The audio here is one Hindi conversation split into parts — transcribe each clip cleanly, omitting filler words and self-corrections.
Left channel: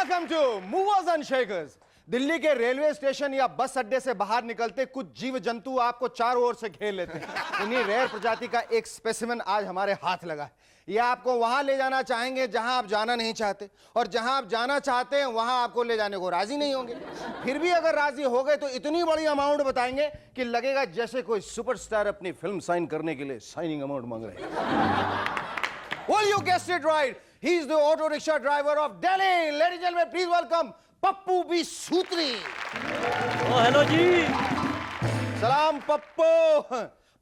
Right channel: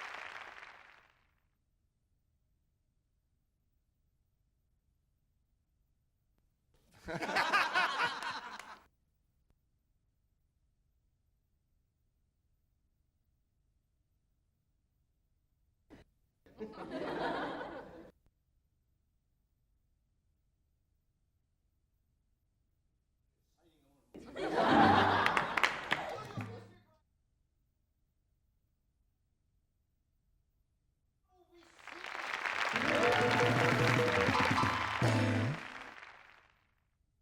Welcome to movers and shakers. Delhi के रेलवे स्टेशन या बस अड्डे से बाहर निकलते कुछ जीव जंतु आपको चारों ओर से घेर लेते हैं। इन्हीं रेयर प्रजाति का एक स्पेसिमेन आज हमारे हाथ लगा है। ये आपको वहां ले जाना चाहेंगे जहां आप जाना नहीं चाहते, और जहां आप जाना चाहते हैं वहां आपको ले जाने को राजी नहीं होंगे। फिर भी अगर राजी हो गए तो इतनी बड़ी अमाउंट बताएंगे कि लगेगा जैसे कोई सुपरस्टार अपनी फिल्म साइन करने के लिए साइनिंग अमाउंट मांग रहे हैं। Well, you guessed it right. He's the auto rickshaw driver of Delhi. Ladies and gentlemen, please welcome Pappu B Sutri. Hello जी। सलाम पप्पू।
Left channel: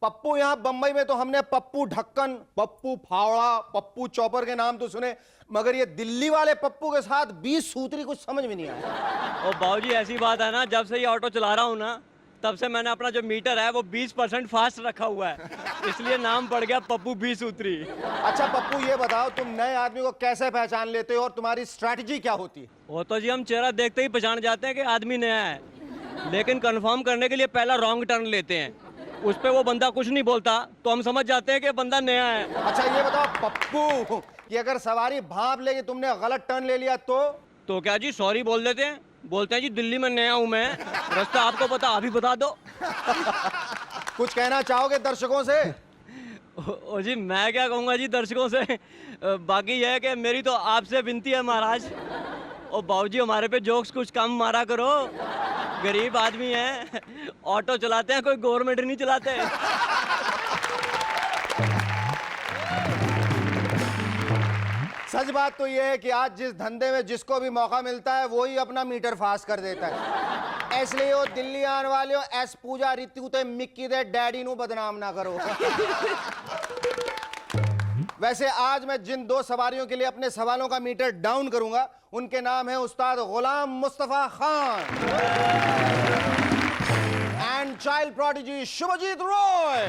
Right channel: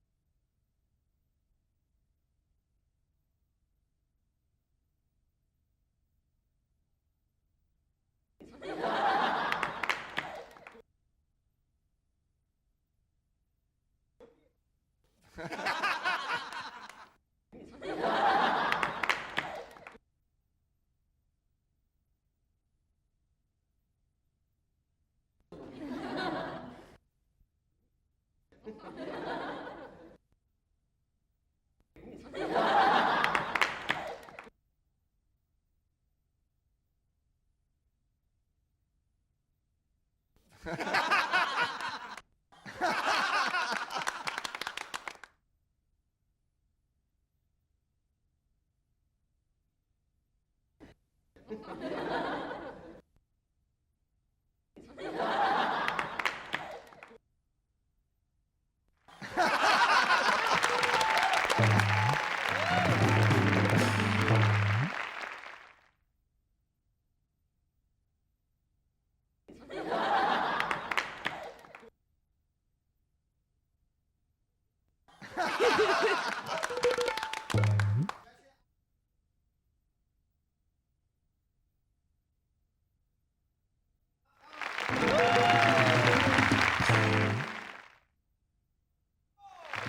पप्पू यहाँ बंबई में तो हमने पप्पू ढक्कन, पप्पू फावड़ा, पप्पू चॉपर के नाम तो सुने, मगर ये दिल्ली वाले पप्पू के साथ 20 सूत्री कुछ समझ में नहीं आता। ओ बाबूजी, ऐसी बात है ना, जब से ये ऑटो चला रहा हूँ ना, तब से मैंने अपना जो मीटर है वो 20% फास्ट रखा हुआ है, इसलिए नाम पड़ गया पप्पू बी सूत्री। अच्छा पप्पू, ये बताओ तुम नए आदमी को कैसे पहचान लेते हो और तुम्हारी स्ट्रैटेजी क्या होती है? वो तो जी हम चेहरा देखते ही पहचान जाते हैं कि आदमी नया है, लेकिन कंफर्म करने के लिए पहला रॉन्ग टर्न लेते हैं। उस पे वो बंदा कुछ नहीं बोलता तो हम समझ जाते हैं कि बंदा नया है। अच्छा ये बताओ पप्पू कि अगर सवारी भांप लेके तुमने गलत टर्न ले लिया तो क्या जी, सॉरी बोल देते हैं, बोलते हैं जी दिल्ली में नया हूँ मैं, रास्ता आपको पता, अभी बता दो। कुछ कहना चाहोगे दर्शकों से? ओ जी, मैं क्या कहूँगा जी दर्शकों से, बाकी यह है कि मेरी तो आपसे विनती है महाराज, ओ बाबूजी हमारे पे जोक्स कुछ कम मारा करो, गरीब आदमी है, ऑटो चलाते हैं, कोई गवर्नमेंट नहीं चलाते। सच बात तो यह है कि आज जिस धंधे में जिसको भी मौका मिलता है वो ही अपना मीटर फास्ट कर देता है। इसलिए वो दिल्ली आने वाले हो एस पूजा ऋतु ते मिक्की दे डैडी नु बदनाम ना करो। वैसे आज मैं जिन दो सवारियों के लिए अपने सवालों का मीटर डाउन करूंगा उनके नाम है Ustad Ghulam Mustafa Khan and child prodigy Shubhajit Roy.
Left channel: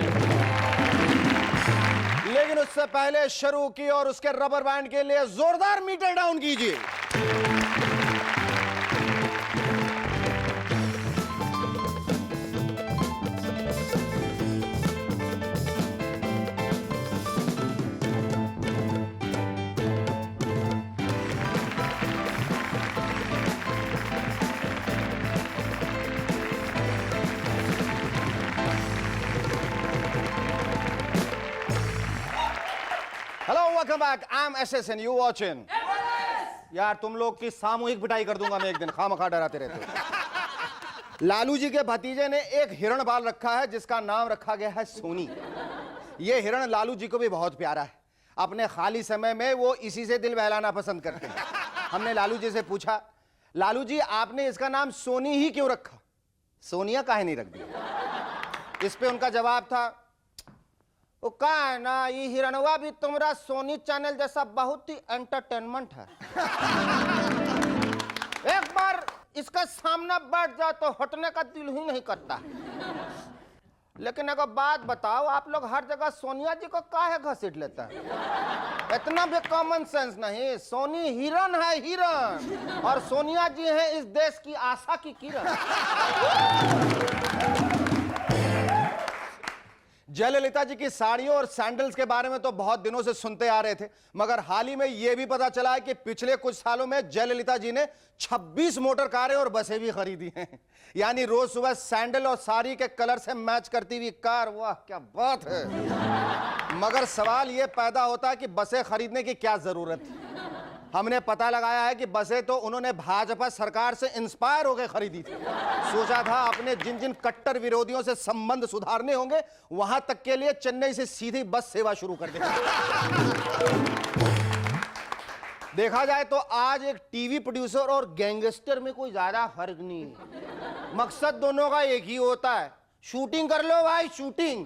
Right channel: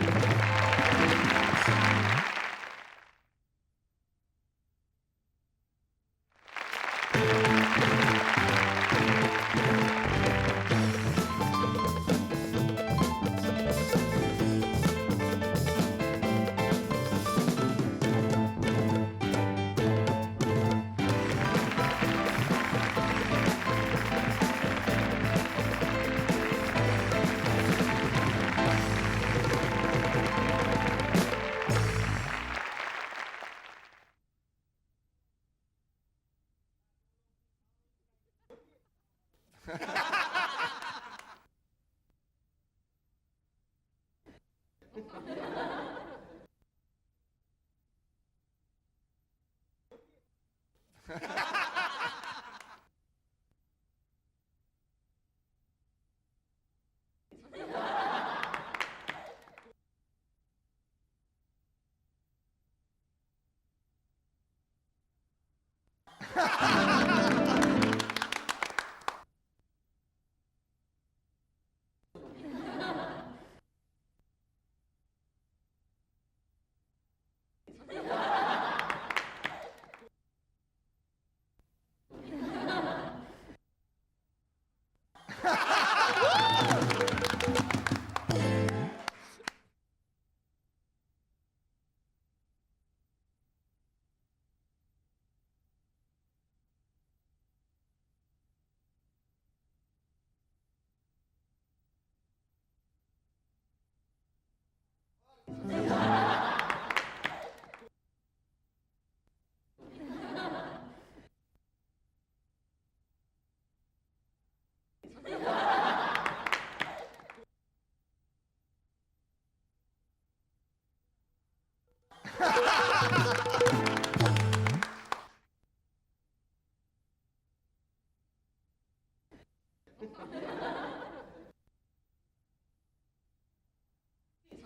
लेकिन उससे पहले शुरू की और उसके रबर बैंड के लिए जोरदार मीटर डाउन कीजिए। Welcome back. I'm SS and you watching. यार तुम लोग की सामूहिक पिटाई कर दूंगा मैं एक दिन, खामखा डराते रहते। लालू जी के भतीजे ने एक हिरण पाल रखा है जिसका नाम रखा गया है सोनी। ये हिरण लालू जी को भी बहुत प्यारा है। अपने खाली समय में वो इसी से दिल बहलाना पसंद करते हैं। हमने लालू जी से पूछा, लालू जी आपने इसका नाम सोनी ही क्यों रखा, सोनिया काहे नहीं रख दी? इस पे उनका जवाब था, वो का है ना, ये हिरणवा भी तुम्हारा सोनी चैनल जैसा बहुत ही एंटरटेनमेंट है। एक बार इसका सामना बैठ जाओ तो हटने का दिल ही नहीं करता। लेकिन एक बात बताओ, आप लोग हर जगह सोनिया जी को काहे घसीट लेता है? इतना भी कॉमन सेंस नहीं। सोनी हिरन है, हिरन, और सोनिया जी है इस देश की आशा की किरण। जयललिता जी की साड़ियों और सैंडल्स के बारे में तो बहुत दिनों से सुनते आ रहे थे, मगर हाल ही में यह भी पता चला है कि पिछले कुछ सालों में जयललिता जी ने 26 मोटर कारें और बसें भी खरीदी हैं। यानी रोज सुबह सैंडल और साड़ी के कलर से मैच करती हुई कार, वाह क्या बात है। मगर सवाल यह पैदा होता है कि बसें खरीदने की क्या जरूरत है। हमने पता लगाया है कि बसें तो उन्होंने भाजपा सरकार से इंस्पायर होकर खरीदी थी। सोचा था अपने जिन जिन कट्टर विरोधियों से संबंध सुधारने होंगे वहां तक के लिए चेन्नई से सीधी बस सेवा शुरू कर दी। देखा जाए तो आज एक टीवी प्रोड्यूसर और गैंगस्टर में कोई ज्यादा फर्क नहीं है। मकसद दोनों का एक ही होता है, शूटिंग कर लो भाई, शूटिंग।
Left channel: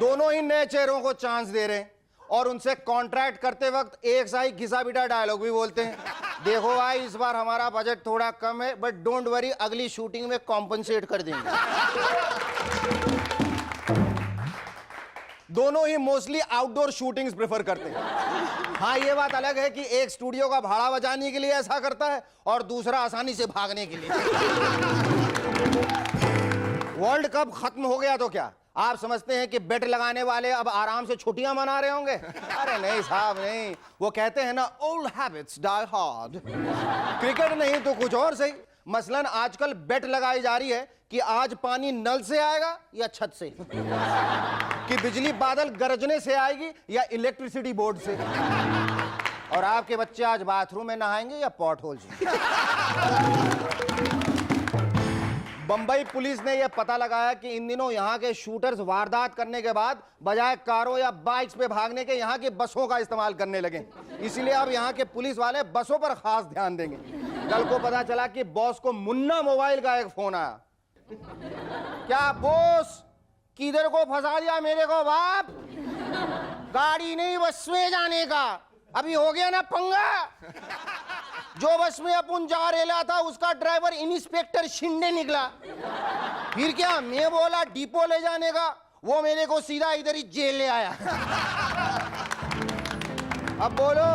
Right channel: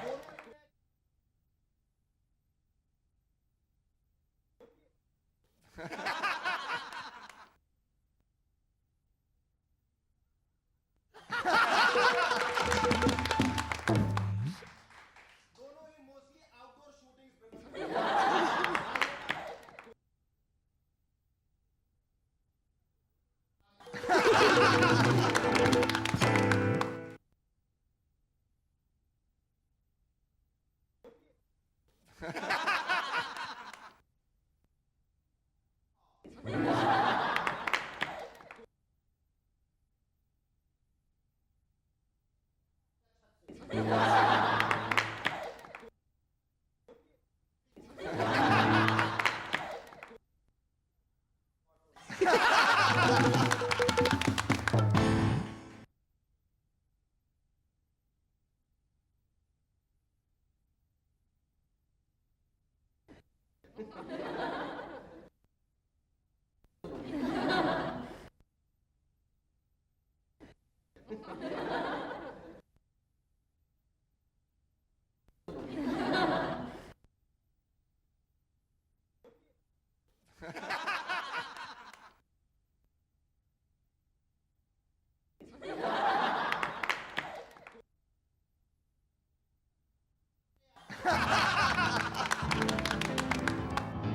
दोनों ही नए चेहरों को चांस दे रहे हैं और उनसे कॉन्ट्रैक्ट करते वक्त एक सा ही घिसा पिटा डायलॉग भी बोलते हैं। देखो भाई इस बार हमारा बजट थोड़ा कम है, बट डोंट वरी, अगली शूटिंग में कॉम्पनसेट कर देंगे। दोनों ही मोस्टली आउटडोर शूटिंग्स प्रेफर करते हैं। हाँ ये बात अलग है कि एक स्टूडियो का भाड़ा बचाने के लिए ऐसा करता है और दूसरा आसानी से भागने के लिए। वर्ल्ड कप खत्म हो गया तो क्या, आप समझते हैं कि बेट लगाने वाले अब आराम से छुट्टियां मना रहे होंगे? अरे नहीं साहब नहीं, वो कहते हैं ना old habits die hard. Cricket नहीं तो कुछ और सही। मसलन आजकल बेट लगाई जा रही है कि आज पानी नल से आएगा या छत से, कि बिजली बादल गरजने से आएगी या इलेक्ट्रिसिटी बोर्ड से, और आपके बच्चे आज बाथरूम में नहाएंगे या पॉट होल से। बंबई पुलिस ने यह पता लगाया कि इन दिनों यहाँ के शूटर्स वारदात करने के बाद बजाय कारों या बाइक्स पे भागने के यहाँ की बसों का इस्तेमाल करने लगे। इसीलिए अब यहाँ के पुलिस वाले बसों पर खास ध्यान देंगे। कल को पता चला कि बॉस को मुन्ना मोबाइल का एक फोन आया। क्या बॉस, किधर को फंसा दिया मेरे को बाप? गाड़ी नहीं बस में जाने का, अभी हो गया ना पंगा। जो बस में अपन जा रेला था उसका ड्राइवर इंस्पेक्टर शिंदे निकला। फिर क्या, मैं बोला डिपो ले जाने का, वो मेरे को सीधा इधर ही जेल ले आया। अब बोलो,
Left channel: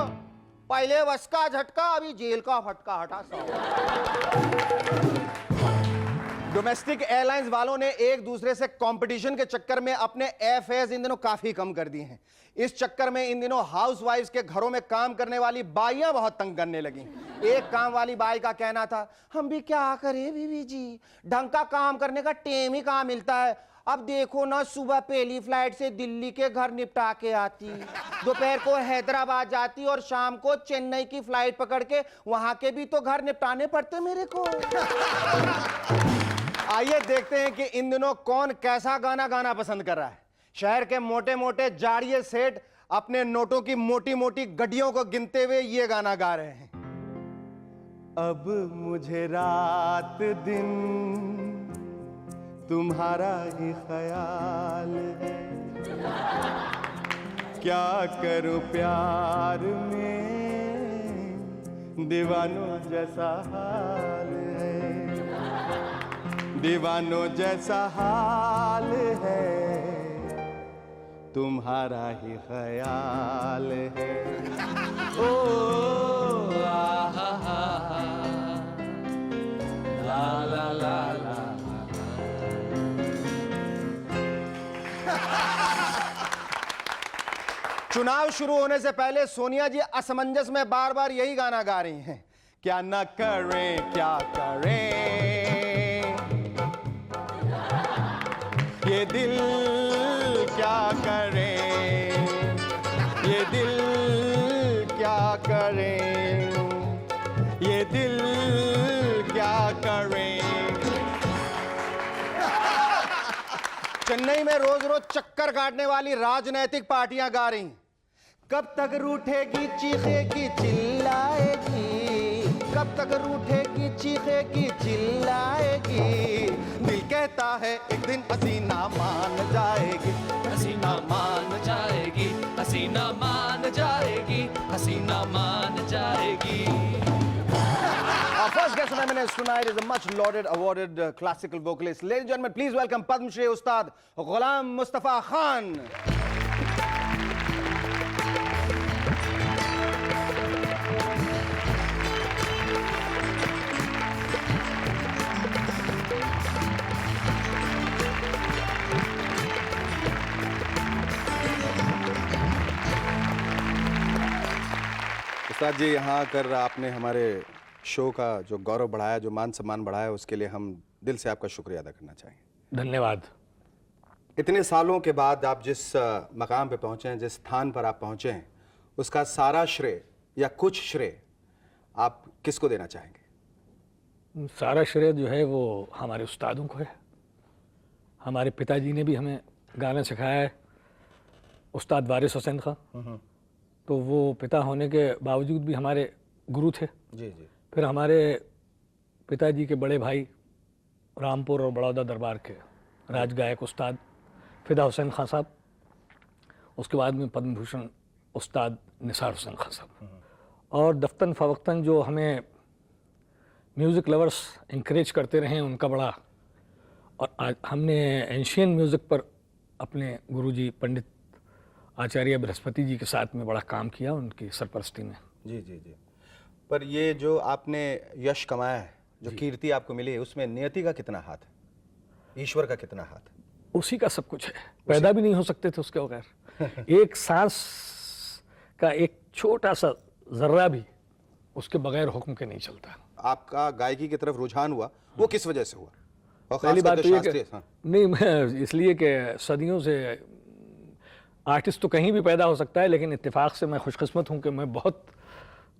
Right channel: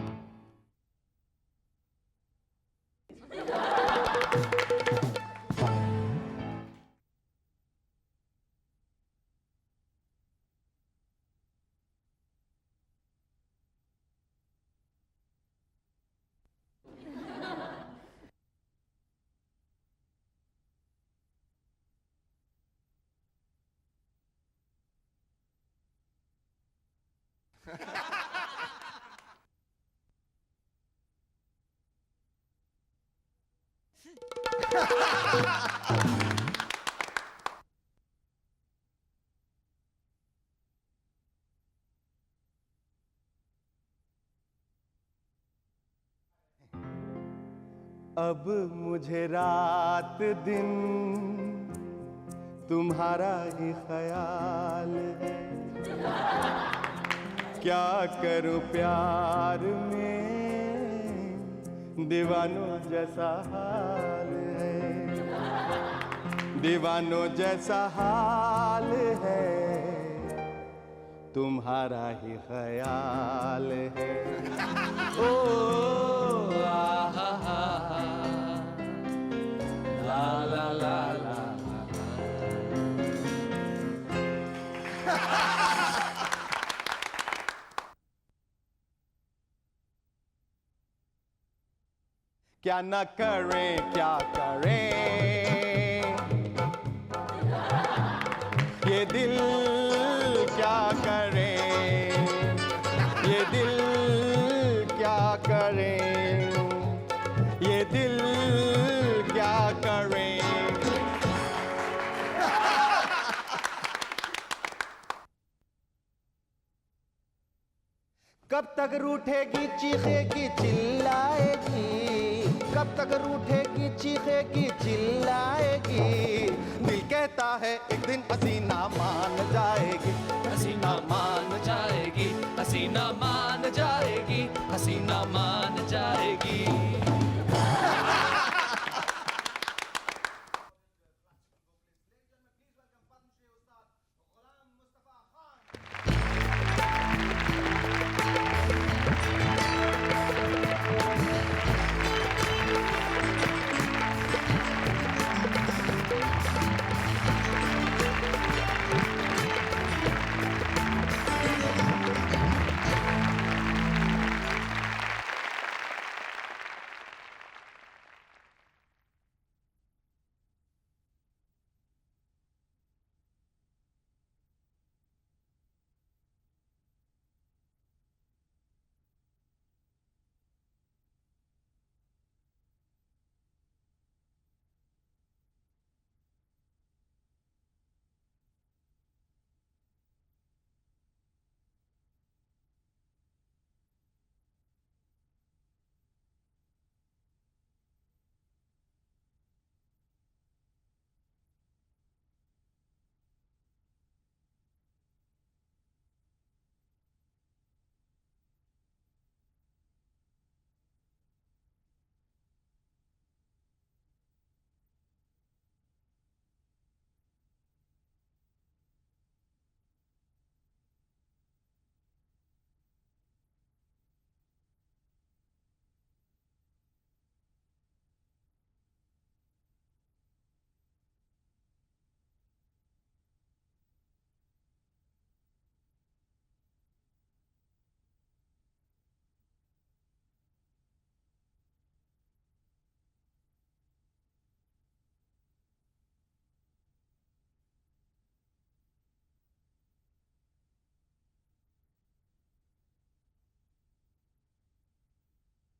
पहले बस का झटका, अभी जेल का फटका हटा। डोमेस्टिक एयरलाइंस वालों ने एक दूसरे से कंपटीशन के चक्कर में अपने एयरफेयर्स इन दिनों काफी कम कर दिए हैं। इस चक्कर में इन दिनों हाउसवाइफ्स के घरों में काम करने वाली बाइयां बहुत तंग करने लगी। एक काम वाली बाई का कहना था, हम भी क्या करें बीवी जी, ढंग का काम करने का टेम ही कहाँ मिलता है। अब देखो ना, सुबह पहली फ्लाइट से दिल्ली के घर निपटा के आती, दोपहर को हैदराबाद जाती और शाम को चेन्नई की फ्लाइट पकड़ के वहां के भी तो घर निपटाने पड़ते मेरे को। आइए देखते हैं कि इन दिनों कौन कैसा गाना गाना पसंद कर रहा है। शहर के मोटे मोटे जाड़िए सेठ अपने नोटों की मोटी मोटी गड्डियों को गिनते हुए ये गाना गा रहे हैं। अब मुझे रात दिन तुम्हारा ही ख्याल है, क्या करूं प्यार में दीवानों जैसा हाल है, दीवानों जैसा हाल है, तुम्हारा ही ख्याल है। ओ ला ला ला ला। चुनाव शुरू होने से पहले सोनिया जी असमंजस में बार बार यही गाना गा रही हैं। क्या न करें क्या करें, ये दिल क्या करे, ये दिल क्या करे, ये दिल क्या करे। चेन्नई में रोज रोज चक्कर काटने वाली राजनैतिक पार्टियां गा रही, कब तक रूठेगी चीखेगी चिल्लाएगी, कब तक रूठेगी चीखेगी चिल्लाएगी, दिल कहता है एक दिन हसीना मान जाएगी, हसीना मान जाएगी, हसीना मान जाएगी, हसीना मान जाएगी। Our first guest on M&S tonight is a much lauded, awarded classical vocalist. Ladies and gentlemen, please welcome Padma Shri Ustad Ghulam Mustafa Khan. उस्ताद जी, यहाँ आकर आपने हमारे शो का जो गौरव बढ़ाया, जो मान सम्मान बढ़ाया, उसके लिए हम दिल से आपका शुक्रिया अदा करना चाहेंगे। धन्यवाद। इतने सालों के बाद आप जिस मकाम पे पहुँचे हैं, जिस स्थान पर आप पहुँचे हैं, उसका सारा श्रेय या कुछ श्रेय आप किसको देना चाहेंगे? सारा श्रेय जो है वो हमारे उस्तादों को है। हमारे पिताजी ने भी हमें गाना सिखाया है, उस्ताद वारिस हुसैन खां। तो वो पिता होने के बावजूद भी हमारे गुरु थे। जी जी। फिर हमारे पिताजी के बड़े भाई रामपुर और बड़ौदा दरबार के राज गायक उस्ताद फिदा हुसैन खां साहब, उसके बाद में पद्म भूषण उस्ताद निसार हुसैन खां साहब, और दफ्तन फ़वक्तन जो हमें म्यूज़िक लवर्स इंकरेज करते रहे हैं, उनका बड़ा। और आज हमने एंशियन म्यूज़िक पर अपने गुरुजी पंडित आचार्य बृहस्पति जी के साथ में बड़ा काम किया, उनकी सरपरस्ती में। जी जी जी। पर ये जो आपने यश कमाया है, जो कीर्ति आपको मिली है, उसमें नियति का कितना हाथ है, ईश्वर का कितना हाथ है? उसी का सब कुछ है, पैदा भी नहीं हो सकते थे उसके बगैर। एक सांस का एक छोटा सा जर्रा भी उसके बगैर हुक्म के नहीं चलता। आपका गायकी की तरफ रुझान हुआ, वो किस वजह से हुआ? और पहली खास बात करके तो ये शास्त्रीय, कि हाँ। नहीं, मैं इसलिए कि सदियों से आर्टिस्ट तो कहीं भी पैदा हो सकता है, लेकिन इत्तेफाक से मैं खुशकिस्मत हूँ कि मैं बहुत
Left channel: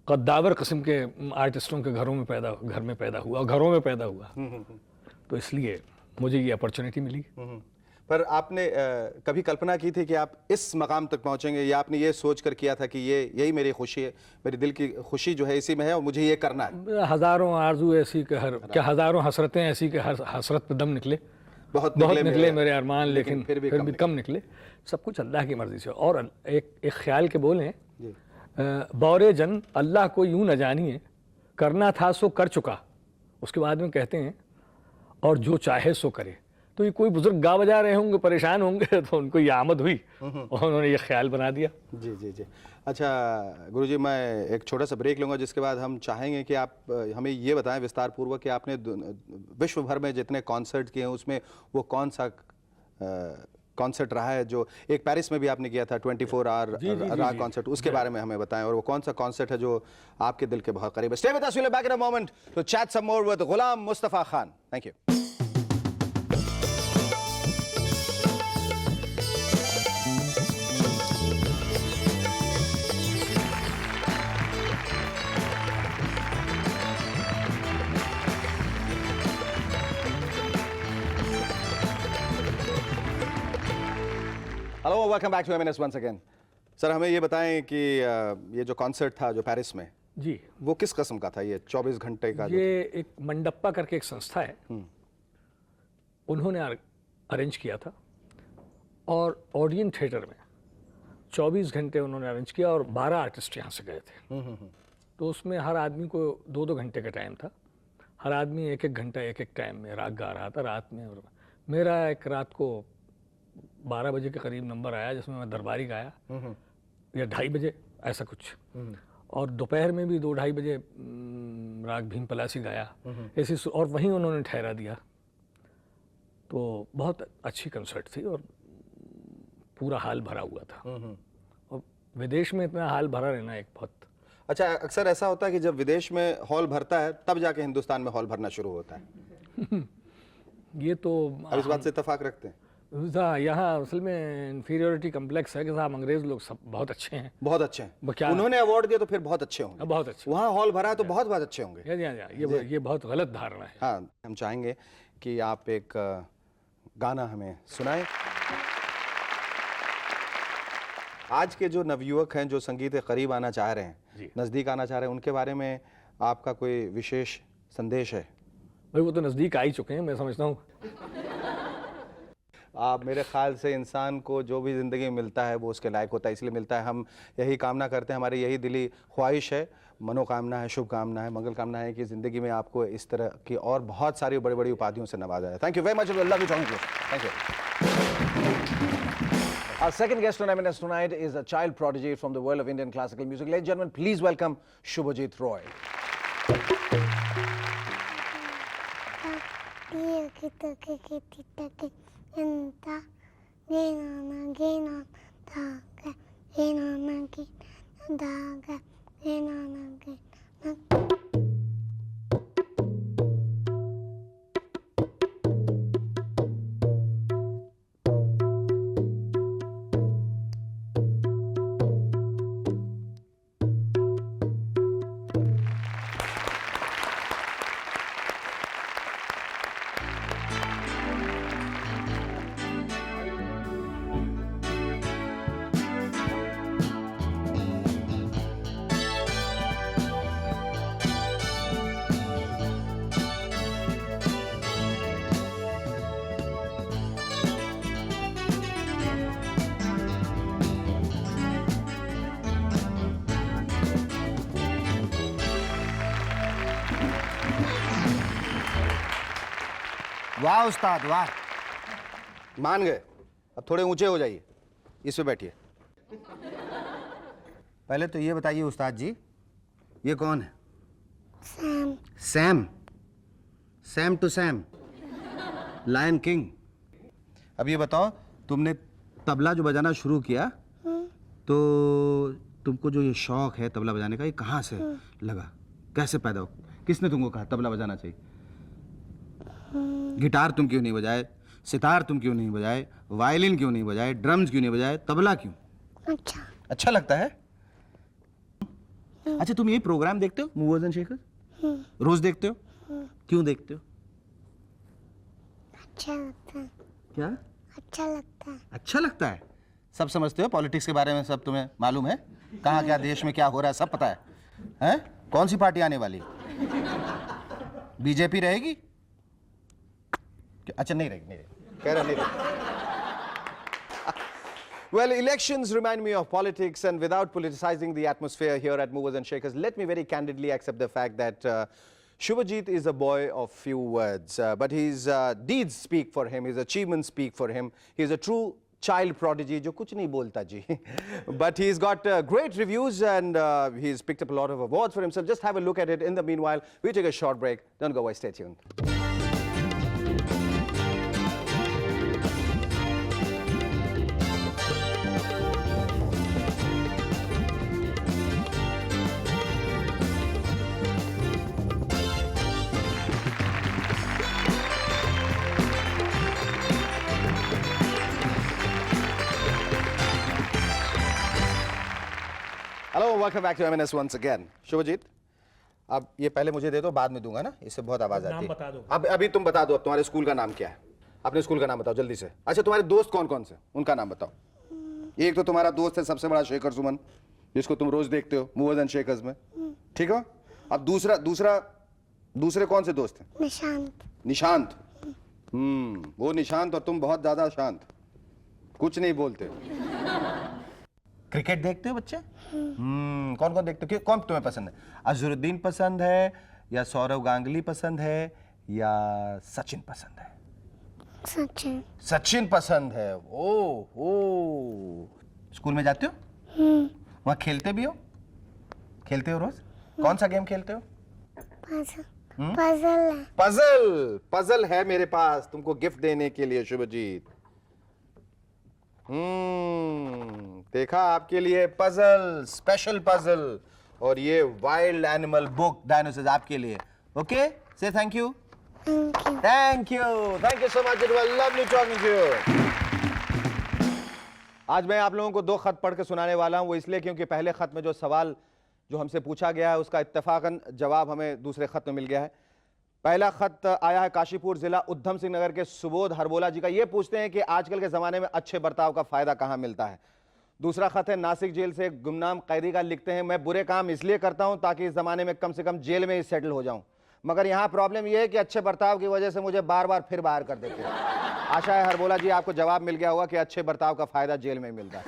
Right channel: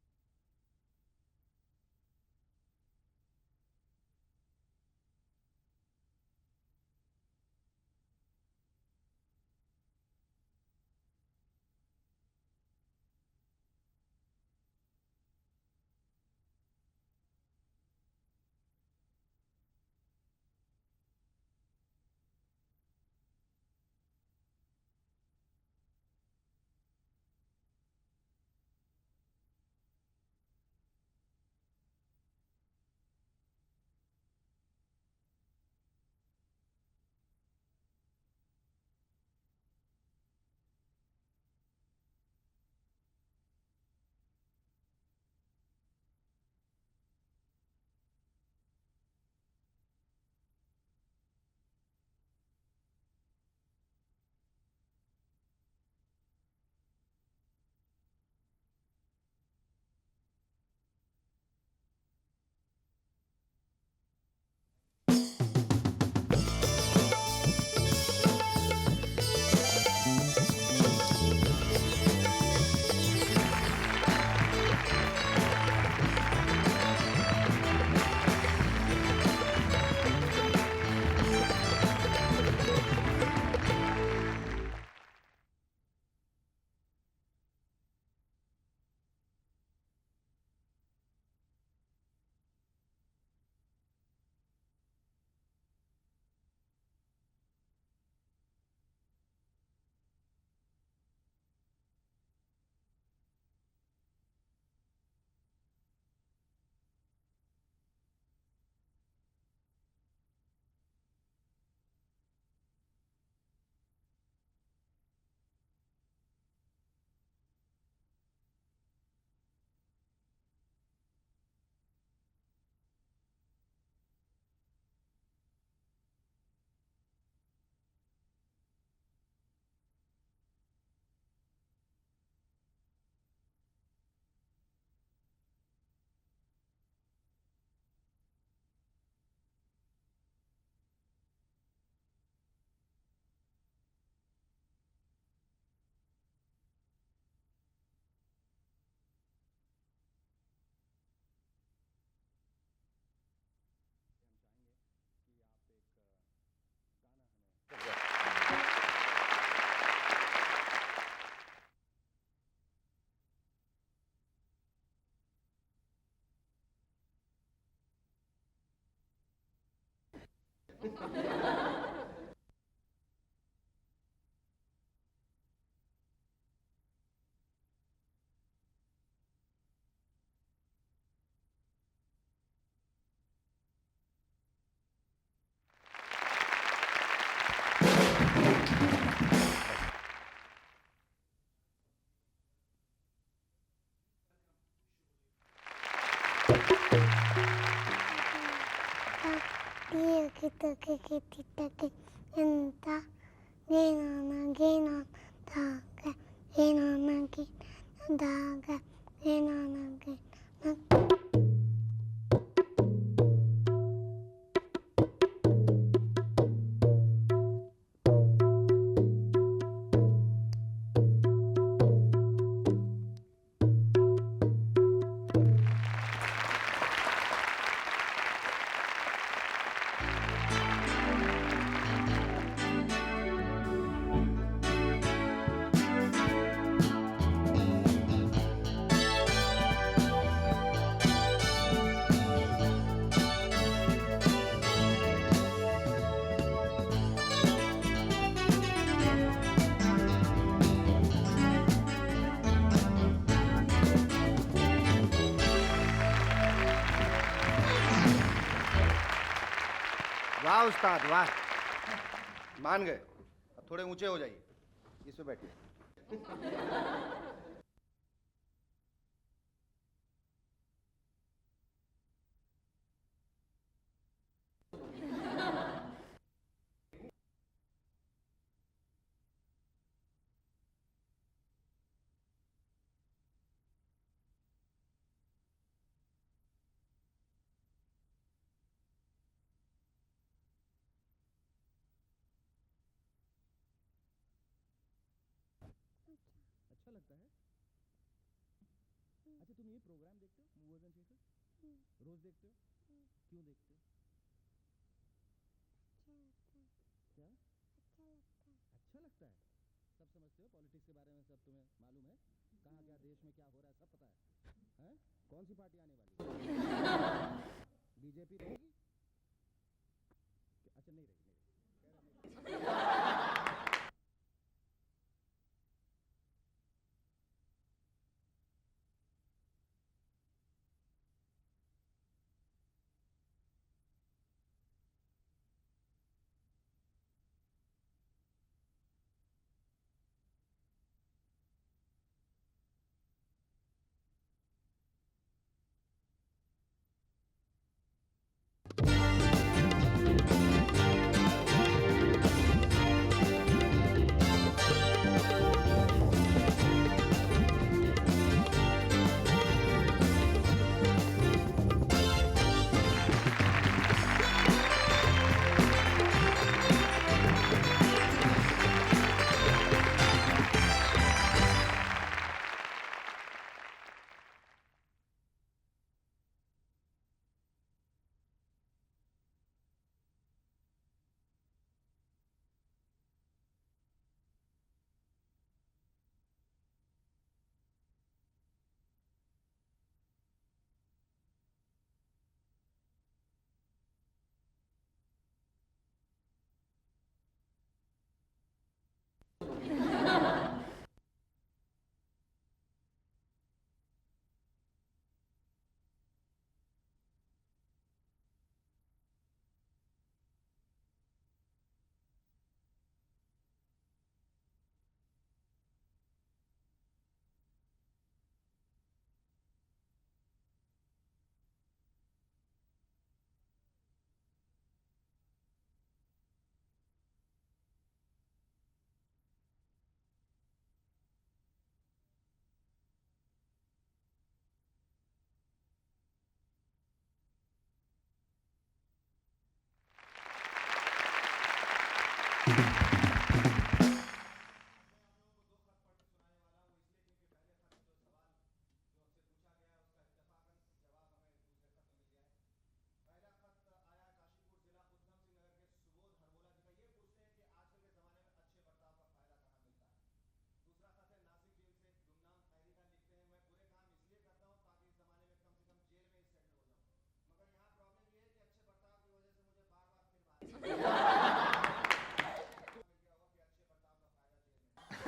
कद्दावर किस्म के आर्टिस्टों के घर में पैदा हुआ और घरों में पैदा हुआ, तो इसलिए मुझे ये अपॉर्चुनिटी मिली। पर आपने कभी कल्पना की थी कि आप इस मकाम तक पहुंचेंगे, या आपने ये सोच कर किया था कि यही मेरी खुशी है, मेरी दिल की खुशी जो है इसी में है और मुझे ये करना है? हज़ारों आरजू ऐसी कि हज़ारों हसरतें ऐसी कि हर हसरत पे दम निकले, बहुत निकले मेरे अरमान, लेकिन फिर भी कम निकले। सब कुछ अल्लाह की मर्ज़ी से। और एक ख्याल के बोल हैं, बौरे जन अल्लाह को यूं न जानिए, करना था सो कर चुका। उसके बाद में कहते हैं और जो चाहे सो करे। तो ये कोई बुजुर्ग गा बजा रहे होंगे, परेशान होंगे, तो उनको ये आमद हुई और उन्होंने ये ख्याल बना दिया। जी जी जी। अच्छा गुरुजी, मैं एक छोटा सा ब्रेक लूँगा, जिसके बाद हम चाहेंगे कि आप हमें ये बताएं विस्तार पूर्वक कि आपने विश्व भर में जितने कॉन्सर्ट किए हैं उसमें वो कौन सा कॉन्सर्ट रहा है जो एक पेरिस में भी आपने किया था 24 आवर राग कॉन्सर्ट, उसके बारे में हमें बताएं, और वो कौन सा कॉन्सर्ट है जो आपके दिल के बहुत करीब है। Stay with us, we'll be back in a moment to chat some more with Ghulam Mustafa Khan. Thank you. Hello, welcome back to M&S once again. Sir, हमें ये बताएं कि ये जो कॉन्सर्ट था जो पेरिस में, जी, वो किस किस्म का था? ये 24 घंटे का ये एक मंडप्पा करके एक संस्था है, उन्होंने अरेंज किया था, और ओडियन थिएटर में 24 घंटे उन्होंने अरेंज किया और 12 आर्टिस्ट यहाँ से गए थे। तो उसमें हर आदमी को 2-2 घंटे का टाइम था, हर आदमी 1-1 घंटा 1-1 टाइम में राग गा रहा था रात में। और मेरा एक रात को 12 बजे के करीब नंबर आया जिसमें मैं दरबारी गाया, या 2:30 बजे ऐसा कुछ, और दोपहर में भी 2-2:30 बजे राग भीम पलासी गाया ऐसी, और वहीं उन्होंने ठहरा दिया। तो बहुत अच्छी कंसर्ट थी और पूरा हाल भरा हुआ था, और विदेश में इतना हाल भरा रहना एक बहुत। अच्छा, अक्सर ऐसा होता है कि जब विदेश में हॉल भरता है तब जाके हिंदुस्तान में हॉल भरना शुरू होता है। ये तो आप इस बात से इत्तेफाक रखते हैं? यहाँ असल में इन्फीरियोरिटी कम्प्लेक्स है कि साहब अंग्रेज लोग सब बहुत अच्छे हैं, बहुत अच्छे हैं। क्या उन्होंने अवार्ड दिया तो फिर बहुत अच्छे होंगे, बहुत अच्छे। वहाँ हॉल भरा है तो बहुत बहुत अच्छे होंगे। ये बहुत गलत धारणा है। हाँ, हम चाहेंगे कि आप एक गाना हमें सुनाएं। आज के जो नवयुवक हैं जो संगीत के करीब आना चाह रहे हैं, नज़दीक आना चाह रहे हैं, उनके बारे में आपका कोई विशेष संदेश है? भाई वो तो नज़दीक आ ही चुके हैं, मैं समझता हूँ। आप, मेरे ख्याल से इंसान को जो भी ज़िंदगी में मिलता है वो उसके लायक होता है, इसलिए मिलता है। हम यही कामना करते हैं, हमारी यही दिली ख्वाहिश है, मनोकामना है, शुभकामना है, मंगल कामना है कि ज़िंदगी में आपको इस तरह की और बहुत सारी बड़ी बड़ी उपाधियों से नवाजा जाए। Thank you very much, love you, thank you. Our second guest on M&S tonight is a child prodigy from the world of Indian classical music. Ladies and gentlemen, please welcome Shubhajit Roy. वाह उस्ताद वाह, मान गए। अब थोड़े ऊंचे हो जाइए, इस पे बैठिए। पहले तो ये बताइए उस्ताद जी, ये कौन है? Sam. Sam? Sam to Sam, Lion King. अब ये बताओ, तुमने तबला जो बजाना शुरू किया तो तुमको जो ये शौक है तबला बजाने का, ये कहाँ से लगा, कैसे पैदा हो, किसने तुमको कहा तबला बजाना चाहिए? गिटार तुम क्यों नहीं बजाए, सितार तुम क्यों नहीं बजाए, वायलिन क्यों नहीं बजाए, ड्रम्स क्यों नहीं बजाए, तबला क्यों? अच्छा लगता है? अच्छा, तुम ये प्रोग्राम देखते हो मूवर्स एंड शेकर्स? रोज देखते हो? क्यों देखते हो? अच्छा लगता है। क्या अच्छा लगता है। अच्छा लगता है? सब समझते हो पॉलिटिक्स के बारे में? सब तुम्हें मालूम है कहाँ क्या देश में क्या हो रहा है, सब पता है? हैं? कौन सी पार्टी आने वाली? बीजेपी रहेगी? अच्छा, नहीं रहेगी, नहीं रहेगी, कह रहा नहीं रहेगी। Well, elections remind me of politics, and without politicizing the atmosphere here at Movers and Shakers, let me very candidly accept the fact that Shubhajit is a boy of few words, but his deeds speak for him, his achievements speak for him. He is a true child prodigy, jo kuch nahi bolta ji. But he's got great reviews, and he's picked up a lot of awards for himself. Just have a look at it. In the meanwhile, we take a short break. Don't go away, stay tuned. Hello, welcome back to M&S once again. Subhajit, अब ये पहले मुझे दे दो, बाद में दूंगा ना, इससे बहुत आवाज आती है। बता दो। अब अभी तुम बता दो, अब तुम्हारे स्कूल का नाम क्या है? अपने स्कूल का नाम बताओ जल्दी से। अच्छा, तुम्हारे दोस्त कौन कौन से, उनका नाम बताओ। एक तो तुम्हारा दोस्त है सबसे बड़ा, शेखर सुमन, जिसको तुम रोज देखते हो मूवर्स एंड शेकर्स में, ठीक है? अब दूसरे कौन से दोस्त हैं? निशांत। वो निशांत और तुम बहुत ज्यादा शांत, कुछ नहीं बोलते। क्रिकेट देखते हो बच्चे? कौन कौन देखते हो? कौन तुम्हें पसंद है? अजहरुद्दीन पसंद है, या सौरव गांगुली पसंद है, या सचिन पसंद है? सचिन पसंद है। ओ स्कूल में जाते हो? वहाँ खेलते भी हो? खेलते हो रोज? कौन सा गेम खेलते हो? पजल है मेरे पास तुमको गिफ्ट देने के लिए शुभजीत। देखा, आपके लिए पजल, स्पेशल पजल, और ये वाइल्ड एनिमल बुक डायनोसॉर्स आपके लिए। Okay, so thank you. Thank you so much, it was lovely talking to you. आज मैं आप लोगों को दो खत पढ़ के सुनाने वाला हूं, वो इसलिए क्योंकि पहले खत में जो सवाल जो हमसे पूछा गया है उसका इत्तेफाकन जवाब हमें दूसरे खत में मिल गया है। पहला खत आया है काशीपुर जिला उधम सिंह नगर के सुबोध हरबोला जी का। ये पूछते हैं कि आजकल के ज़माने में अच्छे बर्ताव का फ़ायदा कहाँ मिलता है। दूसरा खत है नासिक जेल से गुमनाम कैदी का, लिखते हैं मैं बुरे काम इसलिए करता हूँ ताकि इस ज़माने में कम से कम जेल में ही सेटल हो जाऊँ, मगर यहाँ प्रॉब्लम ये है कि अच्छे बर्ताव की वजह से मुझे बार बार फिर बाहर कर देते हैं। आशा है हरबोला जी आपको जवाब मिल गया होगा कि अच्छे बर्ताव का फ़ायदा जेल में मिलता है।